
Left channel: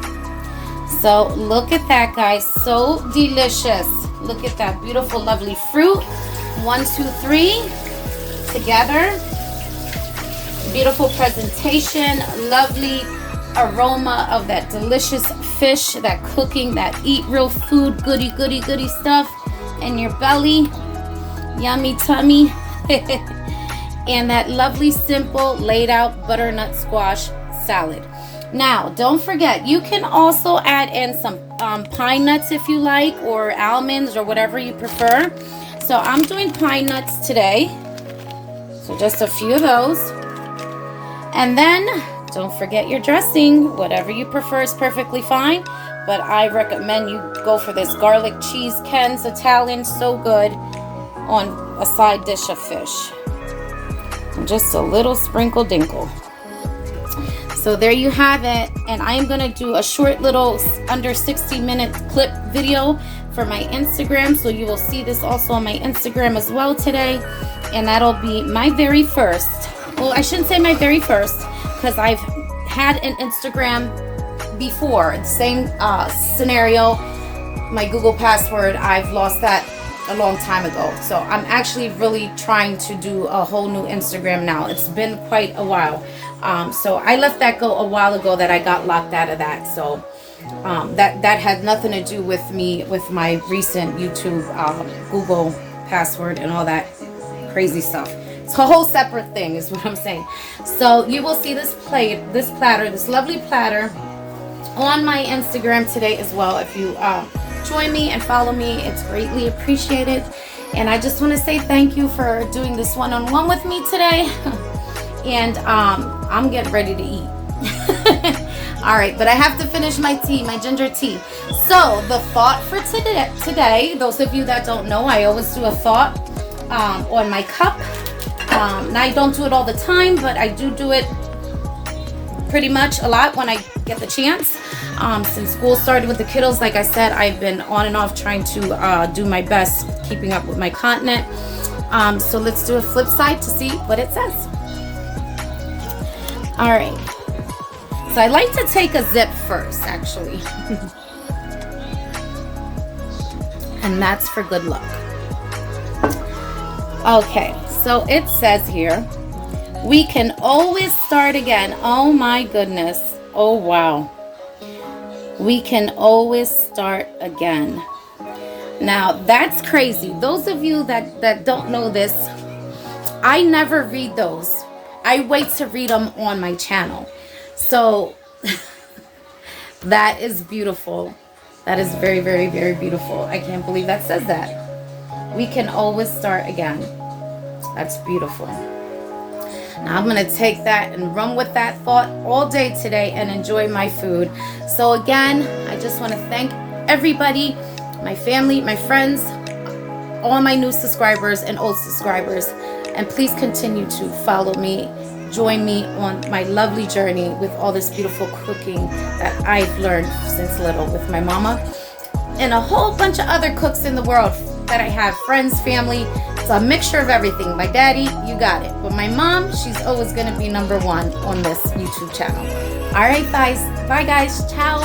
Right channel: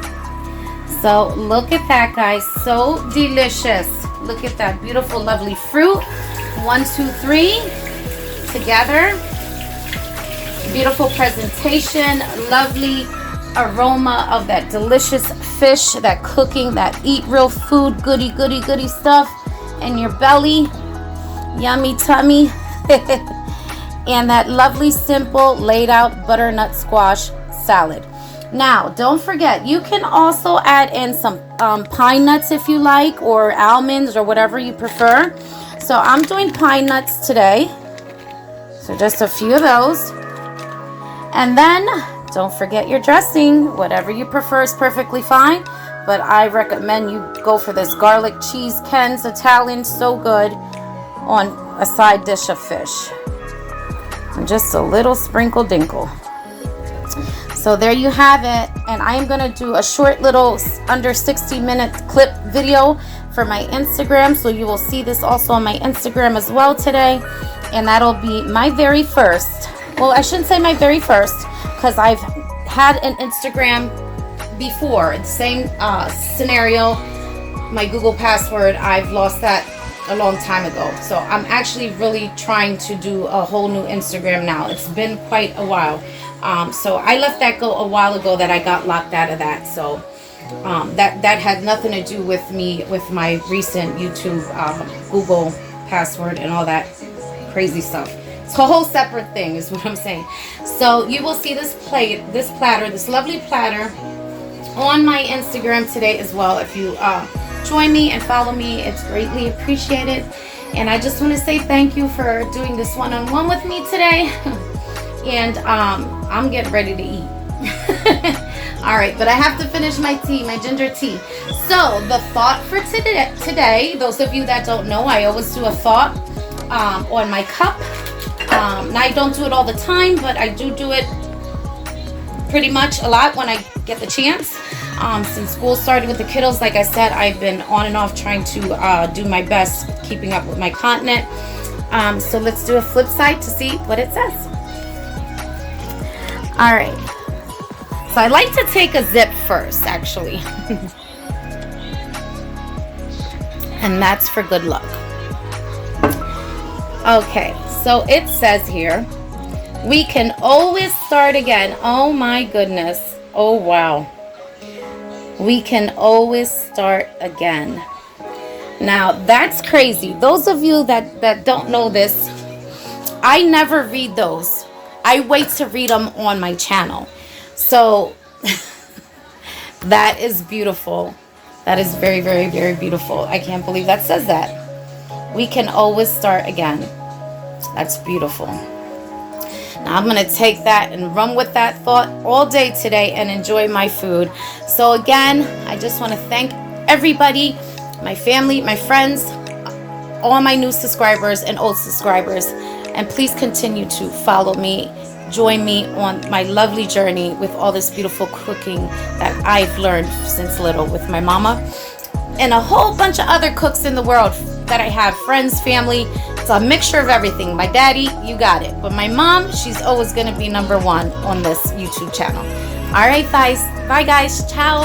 So look at that, guys. So delicious. Look at that beautiful, lovely fruit. 1, 2, 3 together. Beautiful presentation. Lovely aroma of that delicious fish, that cooking, that eat real food, goody, goody, goody stuff in your belly. Yummy tummy. And that lovely, simple, laid out butternut squash salad. Now, don't forget, you can also add in some pine nuts if you like, or almonds, or whatever you prefer. So I'm doing pine nuts today. So just a few of those. And then, don't forget your dressing. Whatever you prefer is perfectly fine. But I recommend you go for this garlic cheese Ken's Italian. So good on a side dish of fish. And just a little sprinkle dinkle. So there you have it, and I am going to do a short little under 60-minute clip video for my Instagram, so you will see this also on my Instagram as well today, and that'll be my very first, well, I shouldn't say my very first, because I've had an Instagram before, the same scenario. My Google password, I've lost that a long time ago, so I'm actually really trying to do a whole new Instagram now. It's been quite a while. So I let that go a while ago, that I got locked out of that. So that had nothing to do with me, with my recent YouTube Google password and all that crazy stuff. It's a whole separate thing is what I'm saying. So you will see this plate, this platter, this lovely platter on my Instagram today as well. If you join me and follow me, it's greatly appreciated. And I just want to say thank you for doing this one-on-one with me today. And I'm getting ready to eat. All right, but I have to finish my tea, my ginger tea. So the thought for today, those of you that don't know, I always do a thought on my cup. Now I don't do it all the time, but I do it pretty much a lot when I get the chance. Since school started with the kiddos, like I said, I've been on and off trying to do my best keeping up with my content. So let's do a flip side to see what it says. All right, so I like to take a zip first, actually. And that's for good luck. Okay, so it says here, we can always start again. Oh my goodness. Oh wow. We can always start again. Now that's crazy. Those of you that don't know this, I never read those. I wait to read them on my channel. So that is beautiful. That is very, very, very beautiful. I can't believe that says that. We can always start again. That's beautiful. Now I'm going to take that and run with that thought all day today and enjoy my food. So again, I just want to thank everybody, my family, my friends, all my new subscribers and old subscribers. And please continue to follow me, join me on my lovely journey with all this beautiful cooking that I've learned since little with my mama and a whole bunch of other cooks in the world that I have, friends, family. It's a mixture of everything. My daddy, you got it. But my mom, she's always going to be number one on this YouTube channel. All right, guys. Bye, guys. Ciao.